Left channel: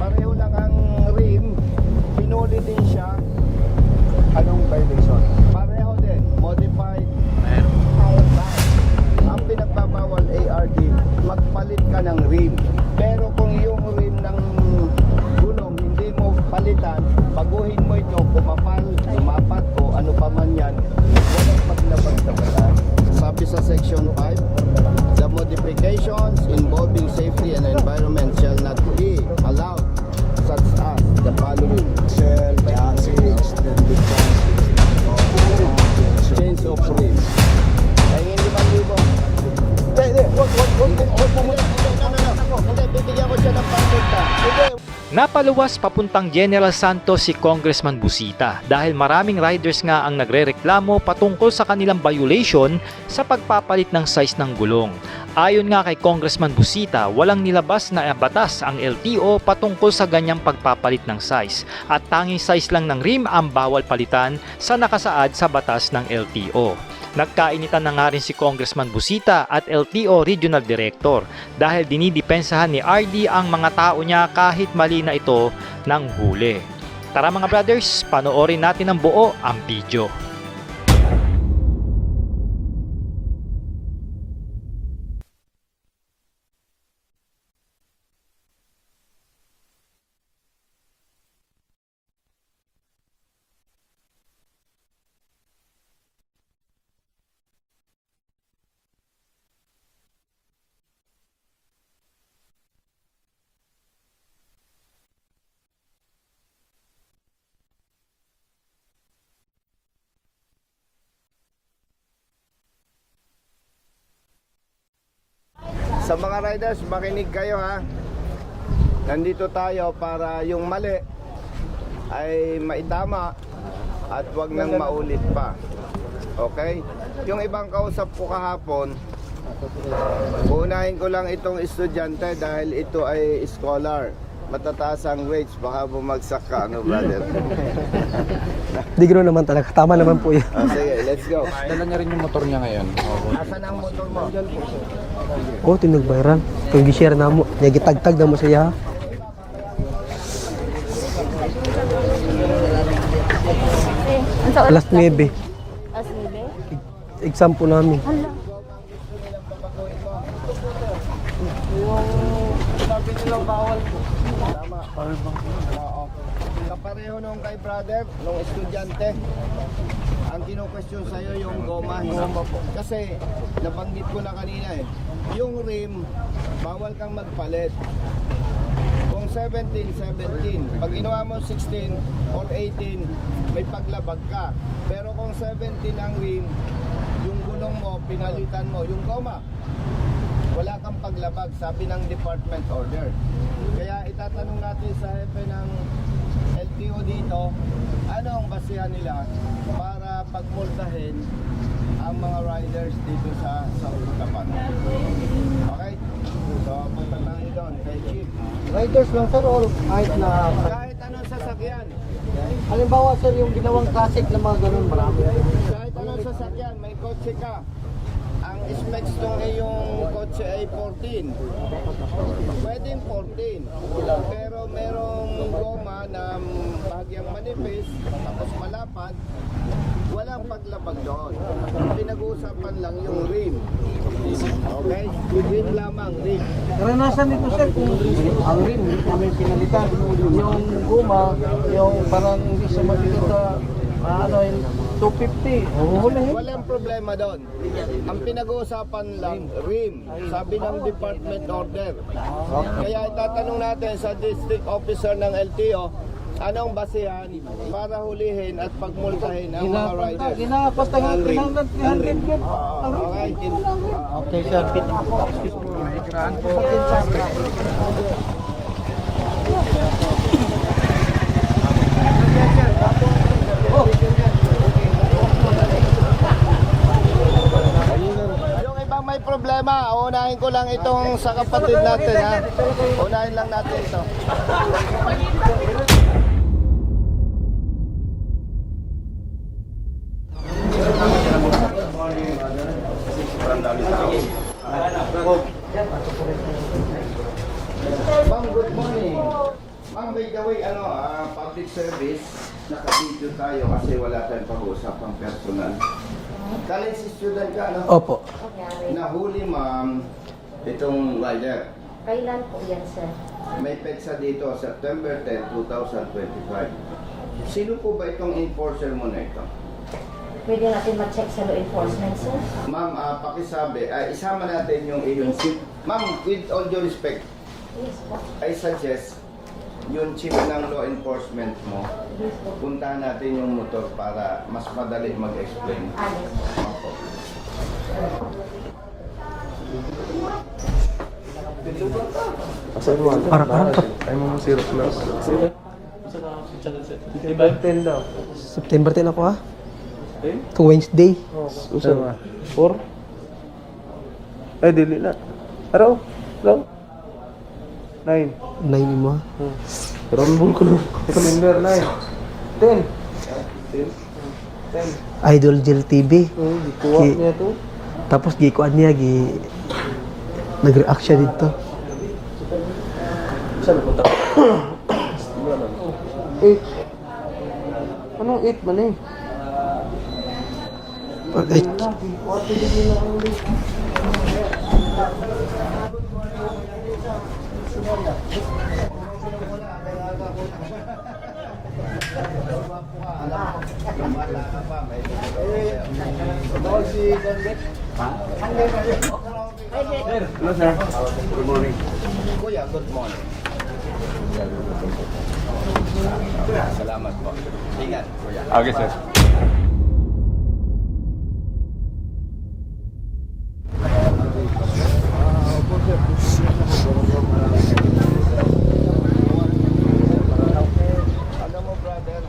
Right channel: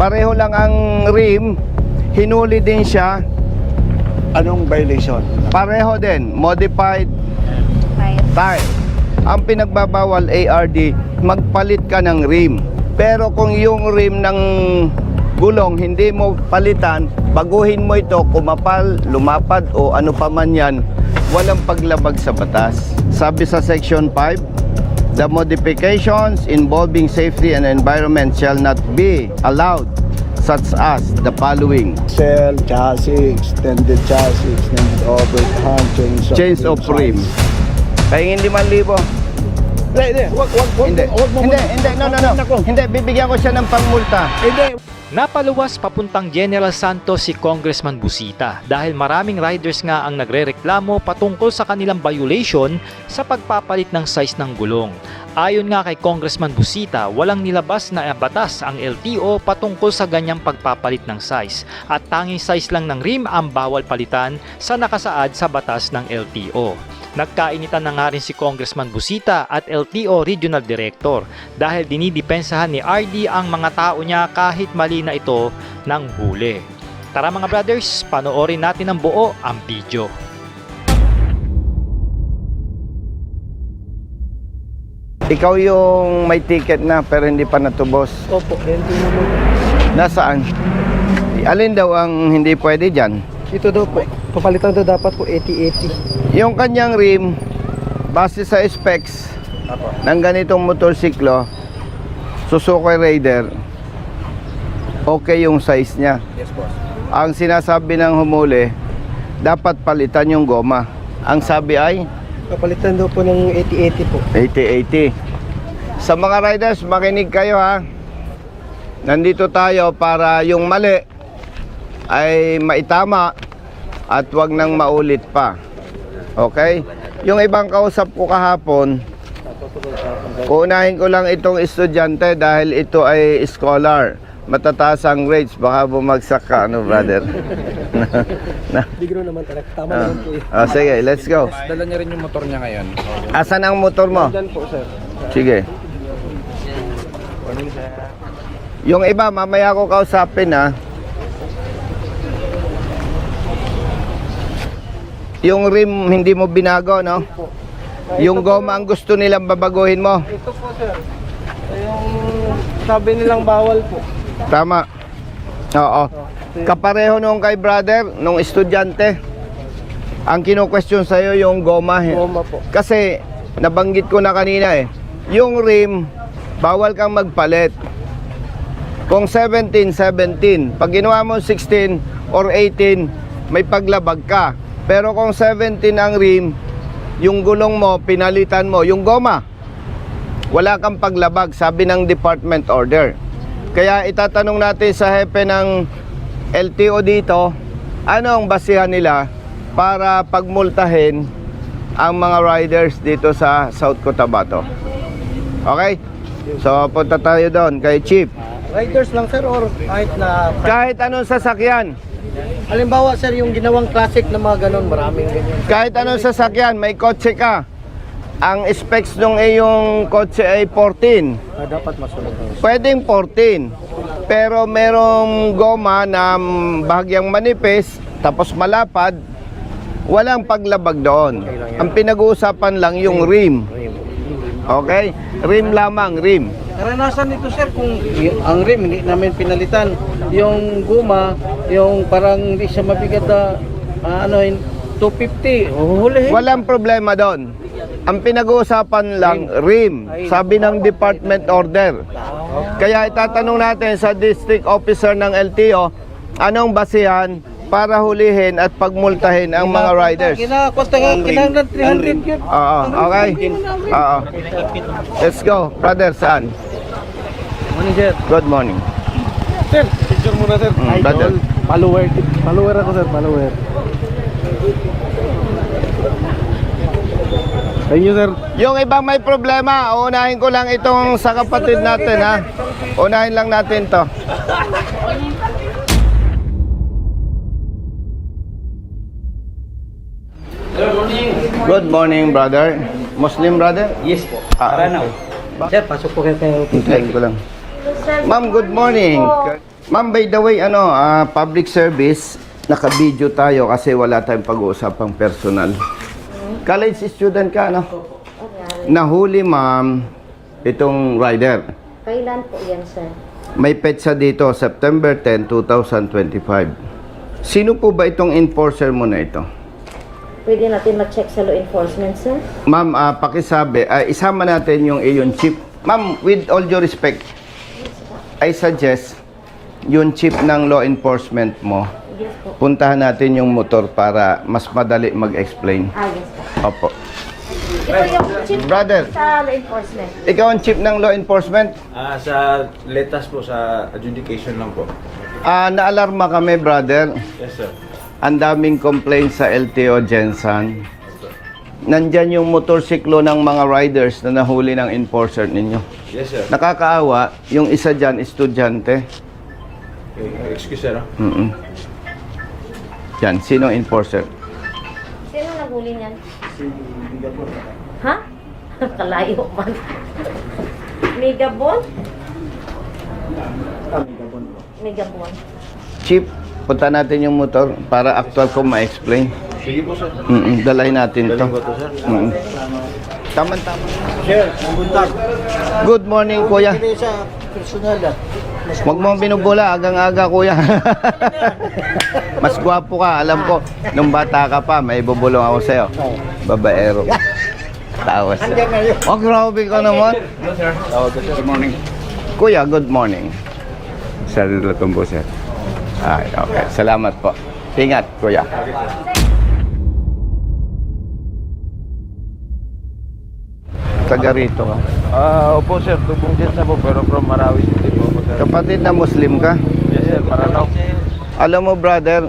Pareho lang ang rim, hinuli din siya. Anong violation? Pareho din, modified tire. Ang pinagbabawal ARD, magpalit ka ng rim. Pero kung yung rim ng gulong hindi mo palitan, baguhin mo ito, kumapal, lumapad o ano pa man yan, walang paglabag sa batas. Sabi sa Section 5, the modifications involving safety and environment shall not be allowed, such as the following: Cell, chassis, extended chassis, overhand, change of rim. Kaya hindi 5,000. Hindi. Hindi, bibigyan ko siya ng pangmulta. Napaluwas papuntang General Santos si Congressman Busita dahil maraming riders nga ang nagrereklamo patungkol sa kanilang violation sa pagpapalit ng size ng gulong. Ayon nga kay Congressman Busita, walang nilabas na batas ang LTO patungkol sa ganyang pagpapalit ng size at tanging size lang ng rim ang bawal palitan sa nakasaad sa batas ng LTO. Nagkainitan na nga rin si Congressman Busita at LTO Regional Director dahil dinidepensahan ni RD ang mga tao niya kahit mali na ito ng huli. Tara mga brothers, panoorin natin ng buo ang video. Ikaw yung may ticket na pero hindi pa natubos. Opo, hindi naman. Nasaan? Alin daw ang hindi pwede dyan? Ito daw po, papalitan daw dapat po 80-80. Yung kanyang rim, base sa specs ng ganitong motorsiklo, Suzuki Raider, okay yung size niya. Yes, boss. Ang sinasabi ng humuli, dapat palitan yung goma. Ang sabi ay Papalitan daw po ng 80-80 po. 80-80. Sa mga riders, makinig kayo ha. Nandito tayo para yung mali ay maitama at wag nang maulit pa. Okay? Yung ibang kausap ko kahapon, uunahin ko lang itong estudyante dahil ito ay scholar. Matataas ang grades, baka bumagsak ka, ano brother? Di gano'n naman talaga, tama naman po yan. Sige, let's go. Dala niya rin yung motor niya ngayon. Asan ang motor mo? Diyan po, sir. Sige. Oh, tinagbayaran. Kung gi-share na mo, nagitagtag na mo siya. Yung iba, mamaya ko kausapin ha. Alas 9, Yung rim hindi mo binago, no? exam po namin. Yung goma ang gusto nilang babaguhin mo. Sabi nilang bawal po. Tama. Oo. Kapareho nung kay brother, nung estudyante. Ang kino-question sa'yo yung goma. Goma po. Kasi, nabanggit ko na kanina eh. Yung rim, bawal kang magpalit. Kung 17, 17. Pag ginawa mo 16 or 18, may paglabag ka. Pero kung 17 ang rim, yung gulong mo, pinalitan mo. Yung goma, wala kang paglabag, sabi ng department order. Kaya itatanong natin sa hepe ng LTO dito, ano ang basihan nila para pagmultahin ang mga riders dito sa South Cotabato. Okay? So punta tayo doon kay Chief. Riders lang, sir, or kahit na... Kahit anong sasakyan, Halimbawa, sir, yung ginawang classic na mga ganun, maraming ganyan. kahit anong sasakyan, may kotse ka. Ang specs ng iyong kotse ay 14. Dapat masunod. Pwedeng 14. Pero merong goma na bahagyang manipis, tapos malapad, walang paglabag doon. Ang pinag-uusapan lang yung rim. Okay? Rim lamang, rim. Karanasan nito, sir, kung ang rim hindi namin pinalitan, yung guma, yung parang hindi siya mabigat na 250, huli. Walang problema doon. Ang pinag-uusapan lang, rim. Sabi ng department order. Kaya itatanong natin sa district officer ng LTO, anong basihan para hulihin at pagmultahin ang mga riders. Kinang 300 Oo, okay? Oo. Let's go. Brother, saan? Good morning. Sir, picture muna, sir. Brother. Follower ako, sir, follower. Thank you, sir. Yung ibang may problema, unahin ko lang itong sa kapatid natin, ha? Unahin lang natin to. Good morning, brother. Muslim brother? Yes. Ah, Sir, pasok po kayo. hintayin ko lang. Ma'am, good morning. Ma'am, by the way, public service, naka-video tayo kasi wala tayong pag-uusapang personal. College student ka, no? Opo. Nahuli, ma'am, itong rider. Kailan po yan, sir? May petsa dito, September 10, 2025. Sino po ba itong enforcer mo na ito? Pwede natin ma-check sa law enforcement, sir? Ma'am, pakisabi, isama natin yung iyon chief. Ma'am, with all due respect, I suggest yung chief ng law enforcement mo, puntahan natin yung motor para mas madali mag-explain. Yes, sir. Opo. Ito yung chief Brother, sa law enforcement. ikaw ang chief ng law enforcement. Sa Salitas po sa education. Naalarma kami, brother. Ang daming complaint sa LTO Jensen. Wednesday. Nandyan yung motorsiklo ng mga riders na nahuli ng enforcer ninyo. Nakakaawa, yung isa dyan, estudyante. Yan, sino enforcer? Idol Jill TV. Tapos gikuan niya, Kalayo pa. nag-reaction ito. Megabon? Megabon. Chief, punta natin yung motor para actual ko ma-explain. Dalahin natin to. Tama-tama. Good morning, kuya. Huwag mong binubula, agang-aga, kuya. Mas gwapo ka, alam ko. Nung bata ka pa, may bubulong ako sa'yo. Babaero. Tawas. Oh, grabe ka naman. Good morning. Kuya, good morning. Sir Lutumbo, sir. Okay. Salamat po. Ingat, kuya. Okay, sir. Taga rito ka. Opo, sir. Tubungkit na po, pero from Marawi City po, sir. Kapatid na Muslim ka? Yes, sir. Paranaw. Alam mo, brother,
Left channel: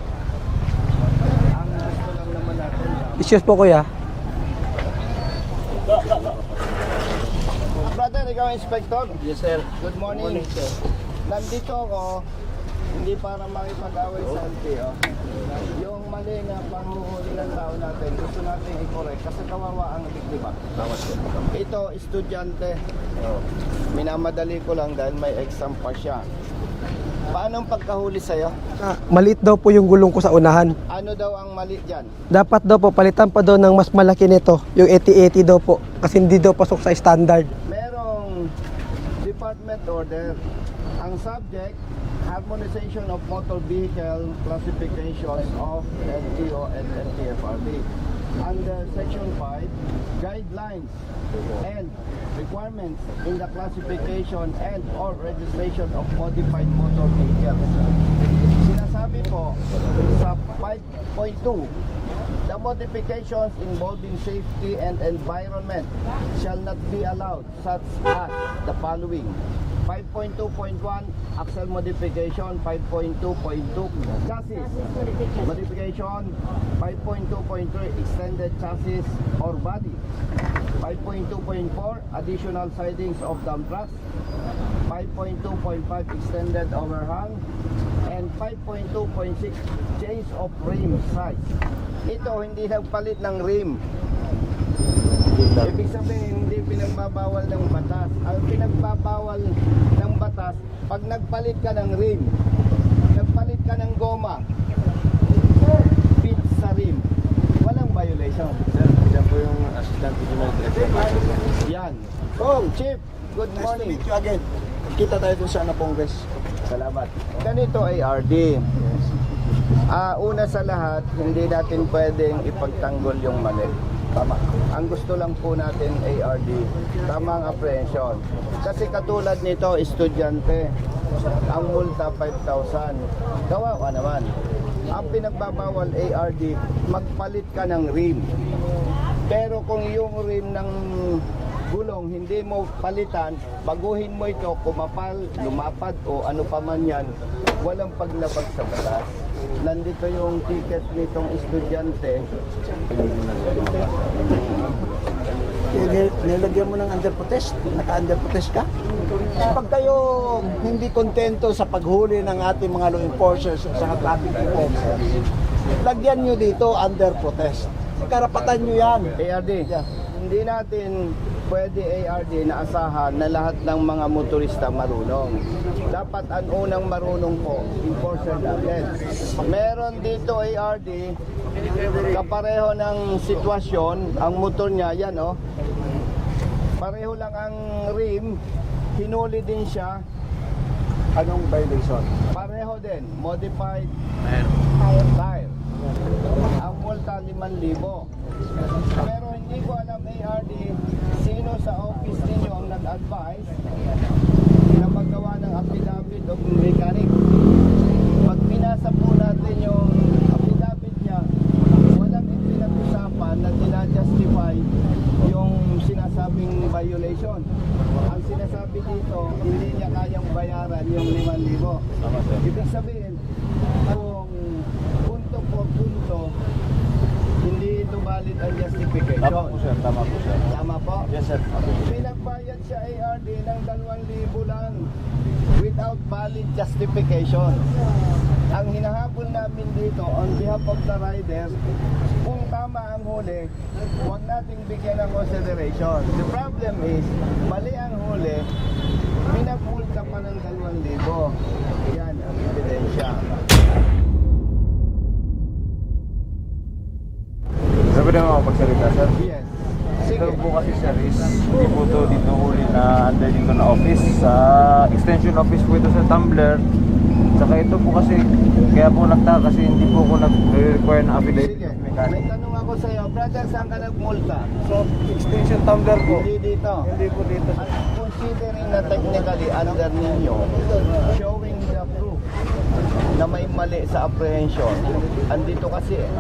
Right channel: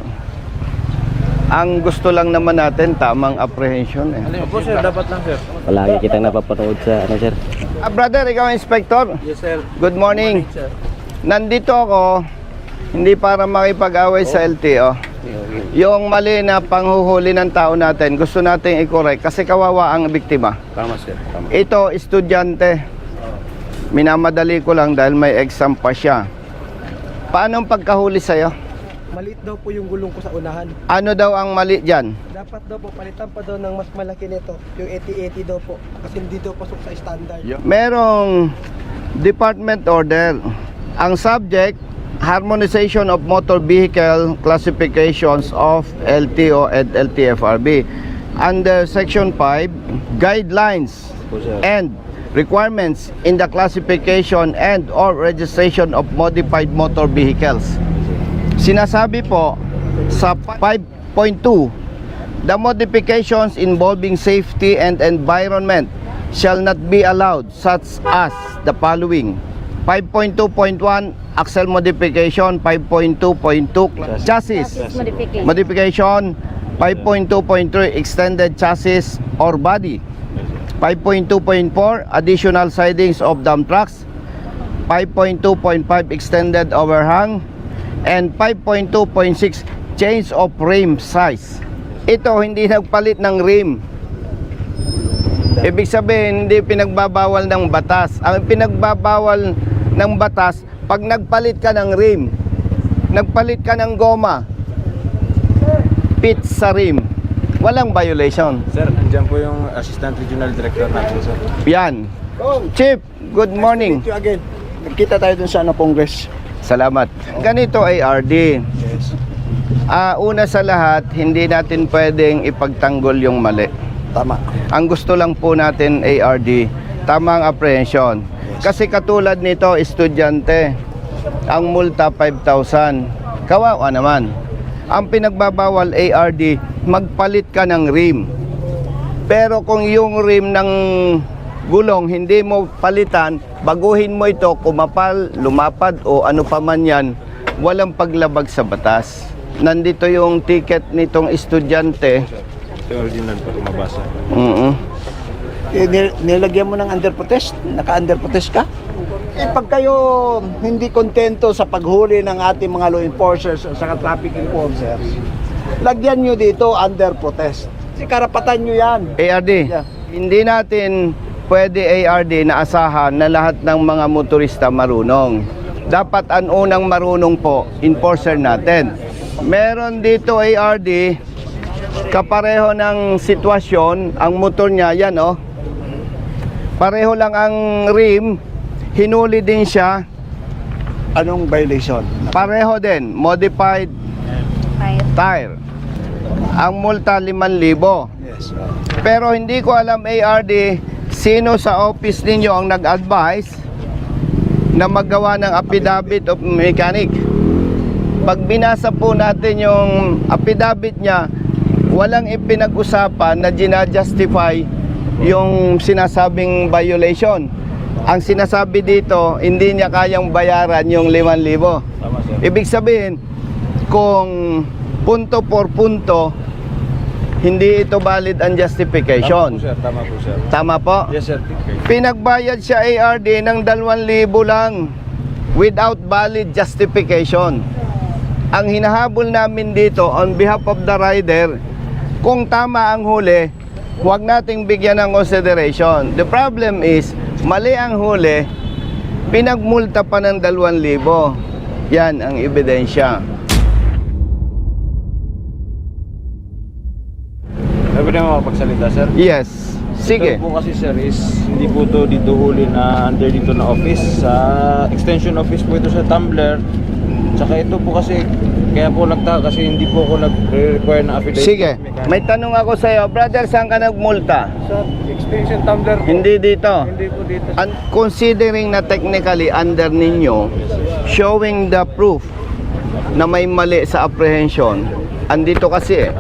ang gusto lang naman natin, tamang Yes po, kuya. apprehension. Opo, sir. Dapat lang, sir. Palagi kitang napapatawid sa sir. Brother, ikaw ang inspector? Yes, sir. Good morning. Nandito ako, hindi para makipag-away sa LTO. Yung mali na panghuhuli ng tao natin, gusto nating i-correct kasi kawawa ang biktima. Tama, sir. Tama. Ito, estudyante. Minamadali ko lang dahil may exam pa siya. Paano ang pagkahuli sa'yo? Maliit daw po yung gulong ko sa unahan. Ano daw ang mali dyan? Dapat daw po, palitan pa daw ng mas malaki nito. Yung 80-80 daw po. Kasi hindi daw pasok sa standard. Merong department order. Ang subject, Harmonization of Motor Vehicle Classifications of LTO and LTFRB. Under Section 5, Guidelines and Requirements in the Classification and or Registration of Modified Motor Vehicles. Sinasabi po sa 5.2, the modifications involving safety and environment shall not be allowed, such as the following. 5.2.1, axle modification. 5.2.2, chassis Modification. modification. 5.2.3, extended chassis or body. 5.2.4, additional sidings of dump trucks. 5.2.5, extended overhang. And 5.2.6, change of rim size. Ito, hindi nagpalit ng rim. Ibig sabihin, hindi pinagbabawal ng batas. Ang pinagbabawal ng batas, pag nagpalit ka ng rim, nagpalit ka ng goma, pit sa rim, walang violation. Sir, dyan po yung Assistant Regional Director natin, sir. Yan. Chief, good morning. Thank you again. Nagkita tayo dun sa Congress. Salamat. Ganito ay RD. Yes. Una sa lahat, hindi natin pwedeng ipagtanggol yung mali. Tama. Ang gusto lang po natin ARD, tamang apprehension. Kasi katulad nito, estudyante, ang multa 5,000. Kawawa naman. Ang pinagbabawal ARD, magpalit ka ng rim. Pero kung yung rim ng gulong hindi mo palitan, baguhin mo ito, kumapal, lumapad o ano pa man yan, walang paglabag sa batas. Nandito yung ticket nitong estudyante. Ito yung original po lumabasa. Nilagyan mo ng under protest? Naka-under protest ka? Pag kayo hindi kontento sa paghuli ng ating mga law enforcers o sa traffic enforcers, lagyan nyo dito under protest. Kasi karapatan nyo yan. ARD, Yeah. hindi natin pwede ARD na asahan na lahat ng mga motorista marunong. dapat ang unang marunong po, enforcer natin. Meron dito ARD, kapareho ng sitwasyon, ang motor niya, yan oh. Pareho lang ang rim, hinuli din siya, Anong violation? pareho din, modified tire. Ang multa 5,000. Yes. Pero hindi ko alam ARD, sino sa office ninyo ang nag-advise na maggawa ng affidavit of mechanic. Pag binasa po natin yung affidavit niya, walang ipinag-usapan na ginajustify yung sinasabing violation. Ang sinasabi dito, hindi niya kayang bayaran yung 5,000. Ibig sabihin, kung punto por punto, hindi ito valid ang justification. Tama po sir. Tama po? Yes sir. Pinagbayad siya ARD ng 2,000 lang without valid justification. Ang hinahabol namin dito on behalf of the rider, kung tama ang huli, huwag nating bigyan ng consideration. The problem is, mali ang huli, pinagmulta pa ng 2,000. Yan ang ebidensya. Sabi niyo makapagsalita sir? Yes. Sige. Ito po kasi sir is hindi po ito dito huli na under dito na office. Sa extension office po ito sa Tumblr. Tsaka ito po kasi, kaya po nagtaka kasi hindi po ako nag-require na affidavit. Sige. May tanong ako sa iyo, brother, saan ka nagmulta? Extension Tumblr po. Hindi dito. Hindi po dito. Considering na technically under ninyo, showing the proof na may mali sa apprehension, andito kasi eh.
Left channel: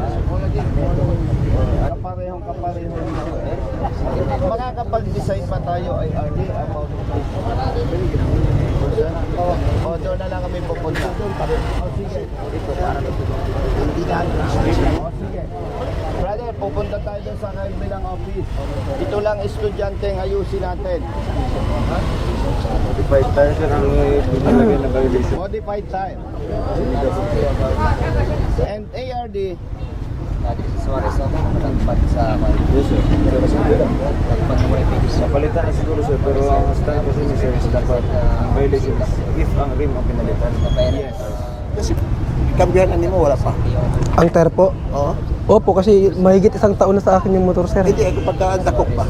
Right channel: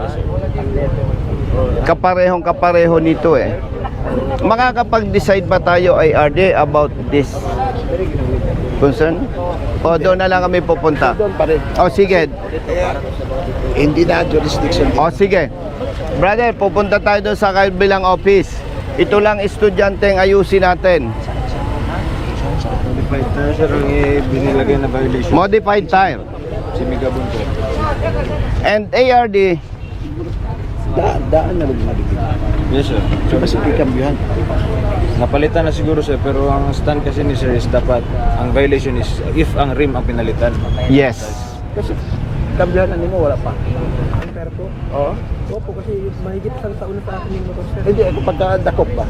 Kaparehong-kapareho nito eh. Makakapag-decide ba tayo IRD about this concern? O doon na lang kami pupunta? Doon pa rin. O sige. Hindi na jurisdiction. O sige. Brother, pupunta tayo doon sa kabilang office. Ito lang estudyante ang ayusin natin. Modified tire sir ang pinilagay na violation. Modified tire. Si Mega po. And ARD, Daan na rin pa rin sa Yes sir. Mas pick-up yun. Napalitan na siguro sir, pero ang stand kasi ni sir is dapat ang violation is if ang rim ang pinalitan. yes. Kasi kambihan na mo, wala pa. Ang tire po? Oo. Opo, kasi mahigit 1 taon na sa akin yung motor, sir. Hindi, pagkakandakop pa.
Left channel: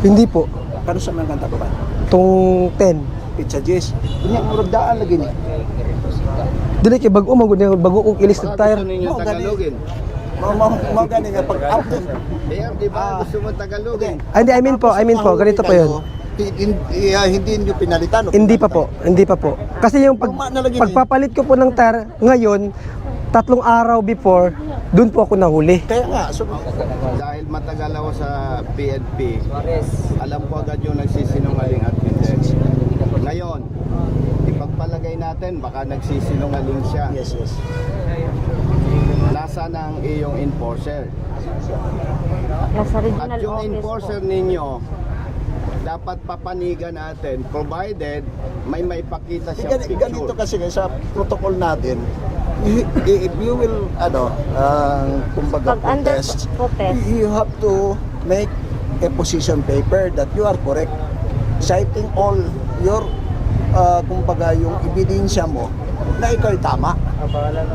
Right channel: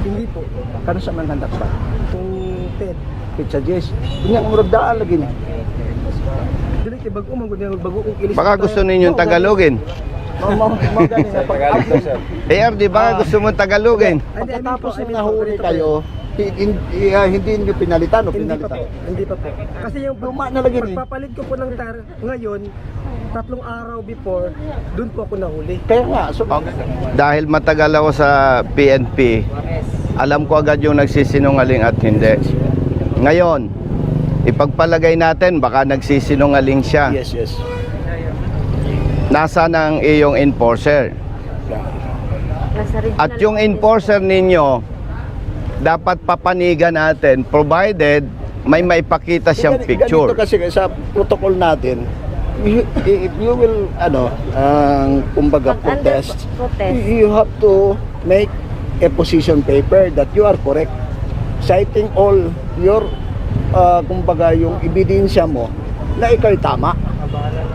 Hindi po. Kano sa mga ganda ko pa? Itong 10. Pizza Jess. Nga, murag daan lagi ni. Dili kay bago magud bago kong ilis Baka gusto ninyo Tagalogin. Mga gani nga Tagalog po sir. ARD, baka gusto mo Tagalogin. Hindi, I mean po, ganito po yun. Hindi nyo pinalitan. o Hindi pa pinalitan? po. Kasi yung Tama na lagi ni. pagpapalit ko po ng tire ngayon, 3 araw before, doon po ako nahuli. Kaya nga, so, Dahil matagal ako sa PNP, alam ko agad yung nagsisinungaling at hindi. Ngayon, ipagpalagay natin, baka nagsisinungaling siya. yes. Nasa ng iyong enforcer. Nasa original At yung office enforcer po. ninyo, dapat papanigan natin, provided may maipakita siyang picture. Ganito kasi sa protocol natin, if you will, kumbaga, Pag under protest, protest. you have to make a position paper that you are correct. Citing all your, kumbaga, yung ebidensya mo na ikaw'y tama.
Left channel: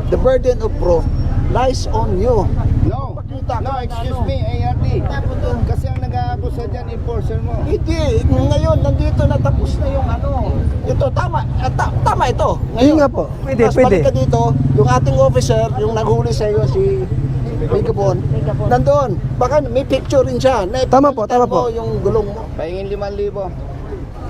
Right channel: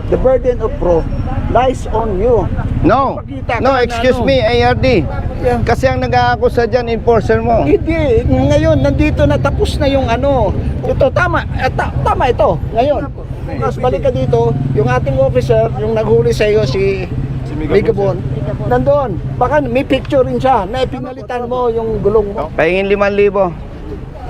The burden of proof lies on you. No, no, excuse me, ARD. Yeah. Kasi ang nag-aakusa dyan, enforcer mo. Hindi, ngayon nandito na tapos na yung ano. Ito tama, tama ito. Ngayon, Hindi nga po. Mas Pwede. balik ka dito, yung ating officer, yung naghuli sa iyo si Megabon, nandoon. Baka may picture rin siya. Na Tama po, ipinalitan tama po. mo yung gulong mo. Pahingin 5,000.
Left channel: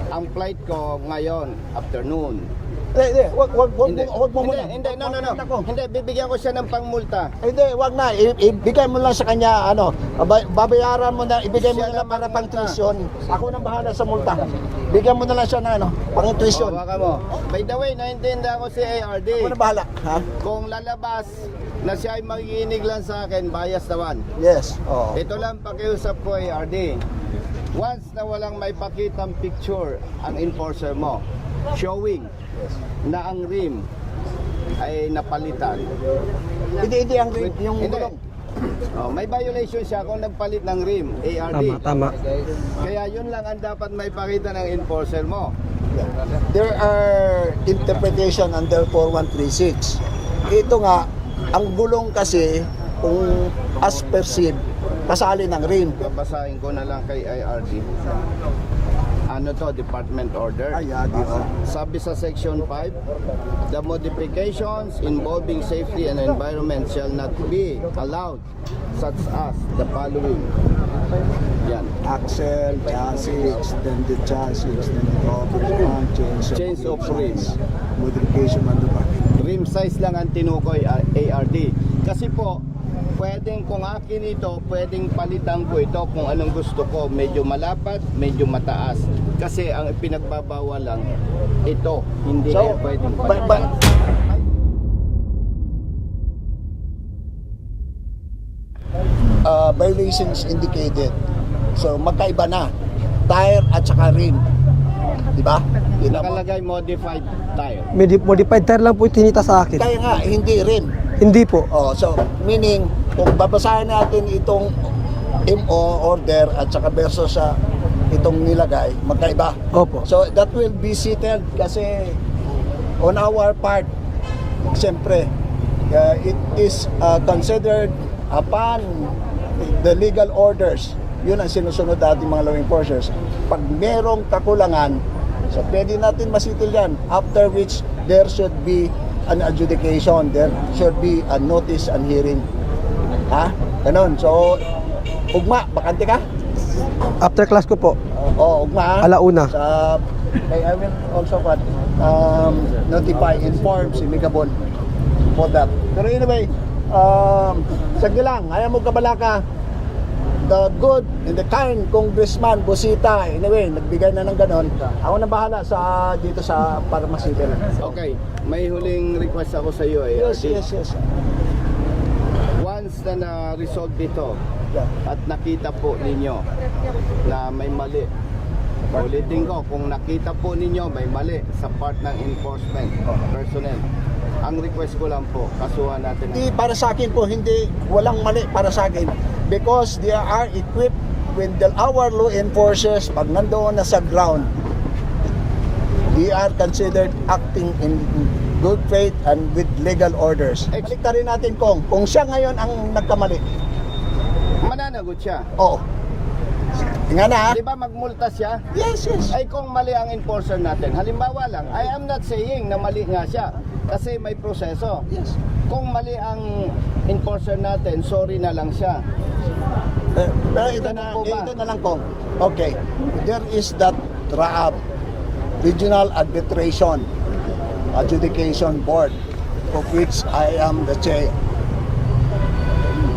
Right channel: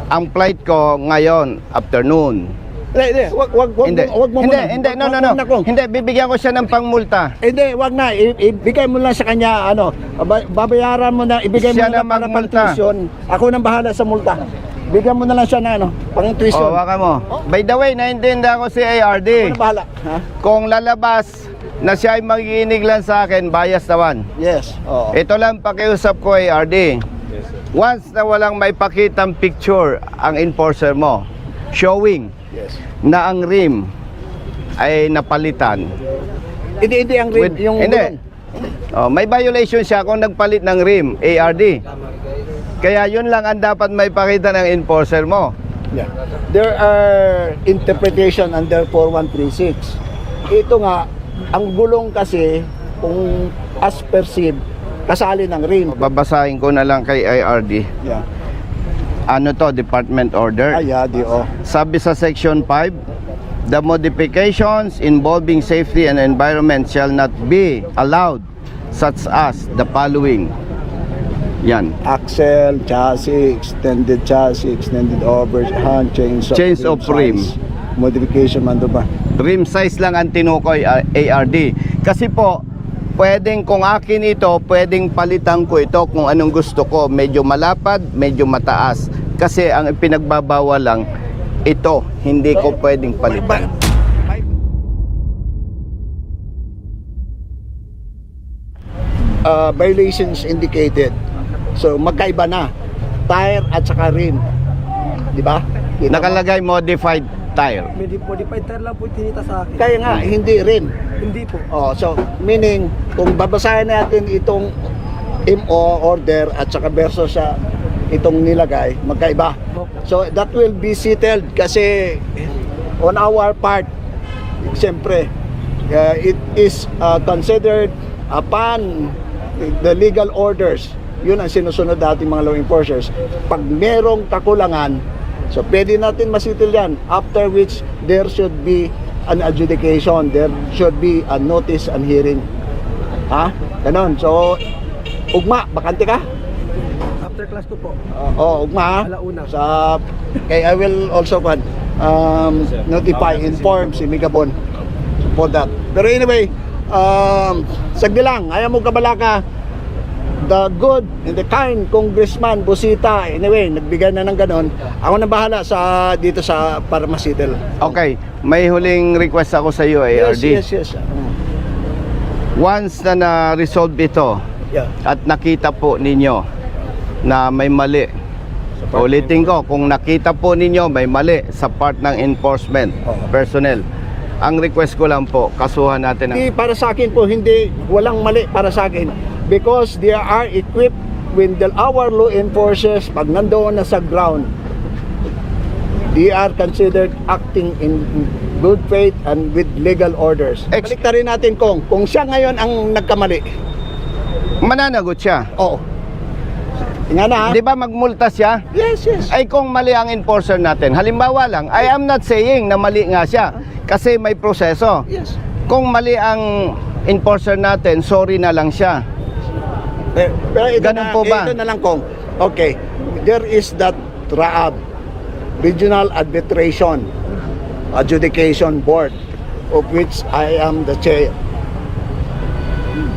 Ang flight ko ngayon, afternoon. Hindi, wag Hindi, mo hindi, muna. hindi, no, Wag no, mo no. muna, Kong. Hindi, bibigyan ko siya ng pangmulta. Hindi, wag na. Ibigay mo lang sa kanya, babayaran mo na, ibigay Siya mo na na para pang magmulta. tuition. Ako nang bahala sa multa. Bigyan mo na lang siya na, pang tuition. O, waka mo. By the way, naintindihan ko si Ako ARD. nang bahala. Ha? Kung lalabas na siya ay magiinig lang sa akin, bias naman. Yes. Oo. Ito lang pakiusap ko, ARD. Once na walang may pakitang picture ang enforcer mo, showing na ang rim ay napalitan. Hindi ang rim, yung hindi. Oh, may violation siya kung nagpalit ng rim, ARD. Tama. Kaya yun lang ang dapat may pakita ng enforcer mo. Yeah. There are interpretation under 4136. Ito nga, ang gulong kasi, kung as perceived, kasali ng rim. Babasahin ko na lang kay IRD. Yeah. Ano to, department order? DO. Sabi sa section 5, the modifications involving safety and environment shall not be allowed, such as the following. Yan. Axle, chassis, extended overhand, chains of rim. rim. Modification man ba? Rim size lang ang tinukoy, ARD. Kasi po, pwedeng kung akin ito, pwedeng palitan ko ito kung anong gusto ko. Medyo malapad, medyo mataas. Kasi ang pinagbabawal lang, ito, hindi ko pwedeng palitan. Violations indicated. So magkaiba na. Tire at saka rim. Di ba? Nakalagay modified tire. Modified tire lang po yung tinita sa akin. Kaya nga, hindi rim. Hindi po. Oh, so meaning kung babasahin natin itong MO order at saka versus sa itong nilagay, magkaiba. Opo. So that will be settled kasi on our part, siyempre, it is considered upon the legal orders. Yun ang sinusunod natin mga law enforcers. Pag merong kakulangan, so pwede natin masitil yan. After which, there should be an adjudication. There should be a notice and hearing. Ha? Ganon. So, ugma, bakante ka? After class ko po, Ugma. alauna. Okay, I will also notify, inform si Migabon for that. Pero anyway, sagdi lang, ayaw mo kabalaka, the good, the kind Congressman Busita, anyway, nagbigay na ng ganon. Ako na bahala dito sa Parmasitel. Okay, may huling request ako sa iyo, ARD. Yes. Once na na-resolve ito Yeah. at nakita po ninyo na may mali, ulitin ko, kung nakita po ninyo may mali sa part ng enforcement personnel, ang request ko lang po, kasuhan natin Hindi para sa akin po, hindi, walang mali para sa akin. Because they are equipped with our law enforcers, pag nandoon na sa ground, they are considered acting in good faith and with legal orders. Baliktarin natin kung siya ngayon ang nagkamali. mananagot siya. Oh. Nga na. Di ba magmulta siya? Yes. Ay kung mali ang enforcer natin, halimbawa lang, I am not saying na mali nga siya kasi may proseso. Yes. Kung mali ang enforcer natin, sorry na lang siya. Pero ito Ganun po ba? Ito na lang kung, okay, there is that RAAB, Regional Arbitration Adjudication Board, of which I am the chair.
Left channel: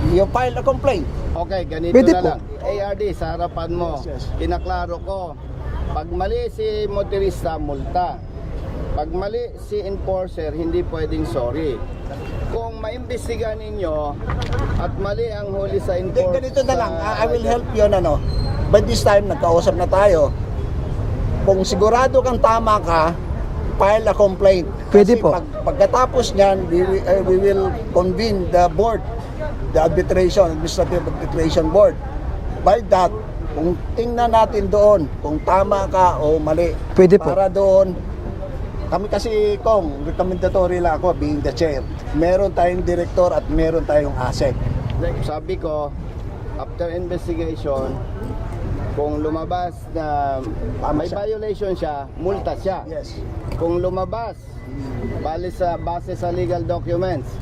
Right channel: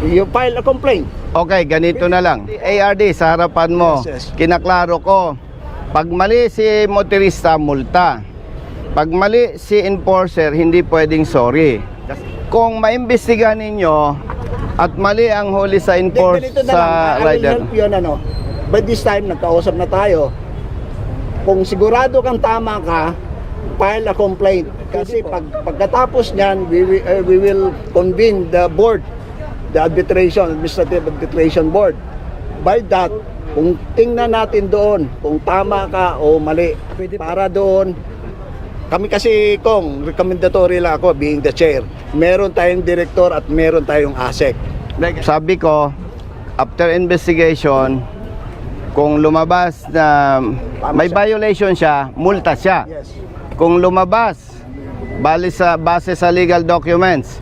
You file a complaint. Okay, ganito Pwede na po. lang. ARD, sa harapan mo, Yes. kinaklaro ko, pag mali si motorista, multa. Pag mali si enforcer, hindi pwedeng sorry. Kung maimbestigahan ninyo at mali ang huli sa Ganito na sa lang, I will rider, help you By this time, nagkausap na tayo. Kung sigurado kang tama ka, file a complaint. Pwede Kasi po. Pagkatapos niyan, we will convene the board, the administrative arbitration board. By that, kung tingnan natin doon, kung tama ka o mali, Pwede po. para doon, kami kasi kung recommendatory lang ako being the chair, meron tayong director at meron tayong ASEC. sabi ko, after investigation, kung lumabas na may violation siya, multa siya. Yes. Kung lumabas, base sa legal documents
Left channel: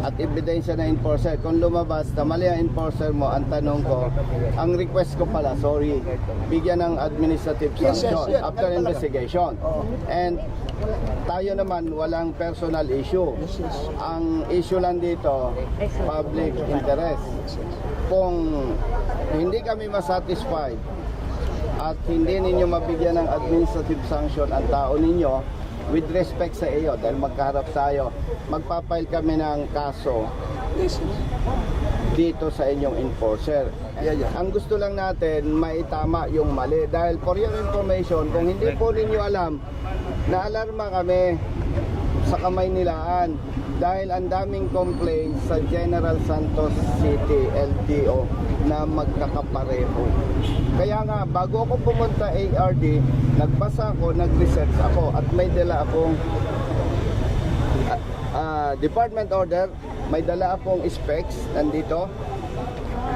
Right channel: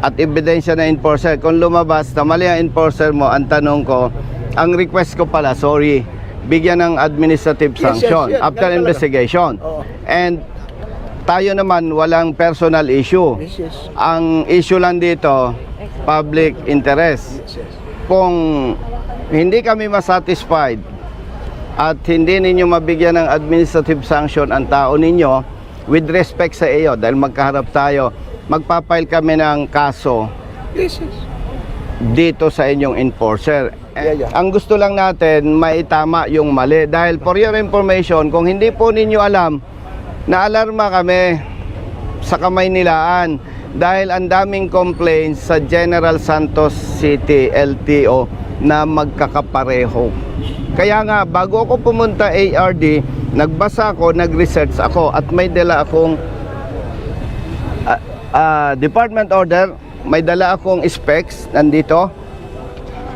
at ebidensya na enforcer, kung lumabas na mali ang enforcer mo, ang tanong ko, ang request ko pala, sorry, bigyan ng administrative sanction yes. after Ganun talaga. investigation. And tayo naman, walang personal issue. Ang issue lang dito, public interest. Kung hindi kami masatisfied at hindi ninyo mabigyan ng administrative sanction ang tao ninyo, with respect sa iyo, dahil magkaharap tayo, magpapile kami ng kaso dito sa inyong enforcer. Yeah. Ang gusto lang natin, maitama yung mali. Dahil for your information, kung hindi po ninyo alam, naalarma kami sa Kamaynilaan dahil ang daming complaints sa General Santos City LTO na magkakapareho. Kaya nga, bago ako pumunta ARD, nagbasa ako, nag-research ako, at may dala akong department order, may dala akong specs nandito.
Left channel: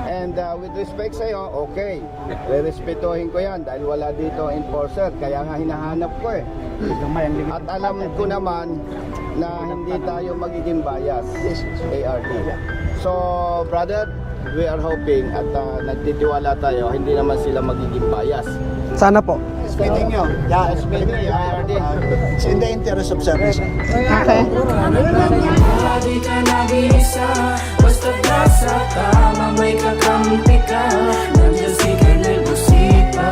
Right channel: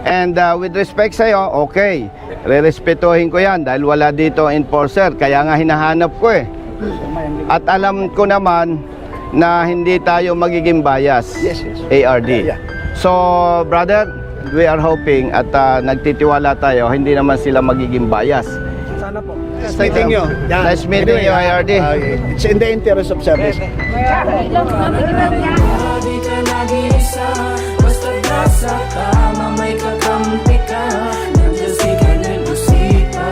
And with respect sa'yo, okay, re-respetuhin ko yan dahil wala dito enforcer, kaya nga hinahanap ko eh. At alam ko naman na hindi tayo magiging bias, ARD. So, brother, we are hoping at nagtitiwala tayo, hindi naman sila magiging bias. Sana po. Meeting you. Nice meeting you, ARD. It's in the interest of service. Di ka nag-iisa, basta nasa tama may kakampi ka. Nandiyan si Colonel Busita,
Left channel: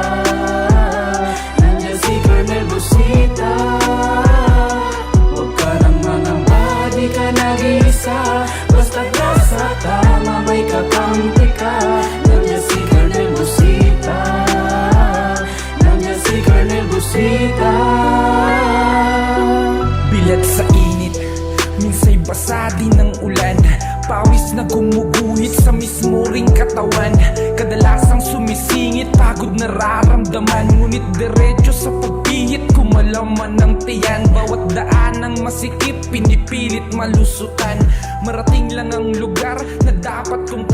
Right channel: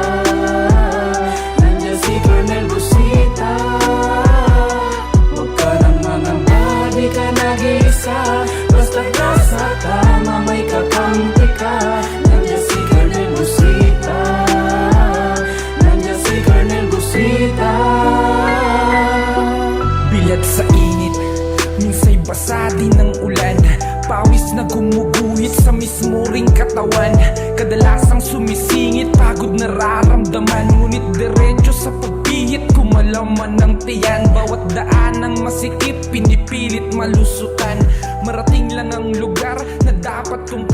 nandiyan si Colonel Busita. Huwag ka nang mangamba, di ka nag-iisa, basta nasa tama may kakampi ka. Nandiyan si Colonel Busita, nandiyan si Colonel Busita. Bilat sa init, minsa'y basa din ng ulan. Pawis na gumuguhit sa mismo ring katawan. Kadalasang sumisingit, pagod nararamdaman. Ngunit diretso sa pagpihit, kumalaman ng tiyan. Bawat daan ng masikip, pinipilit malusutan. Marating lang ang lugar na dapat kong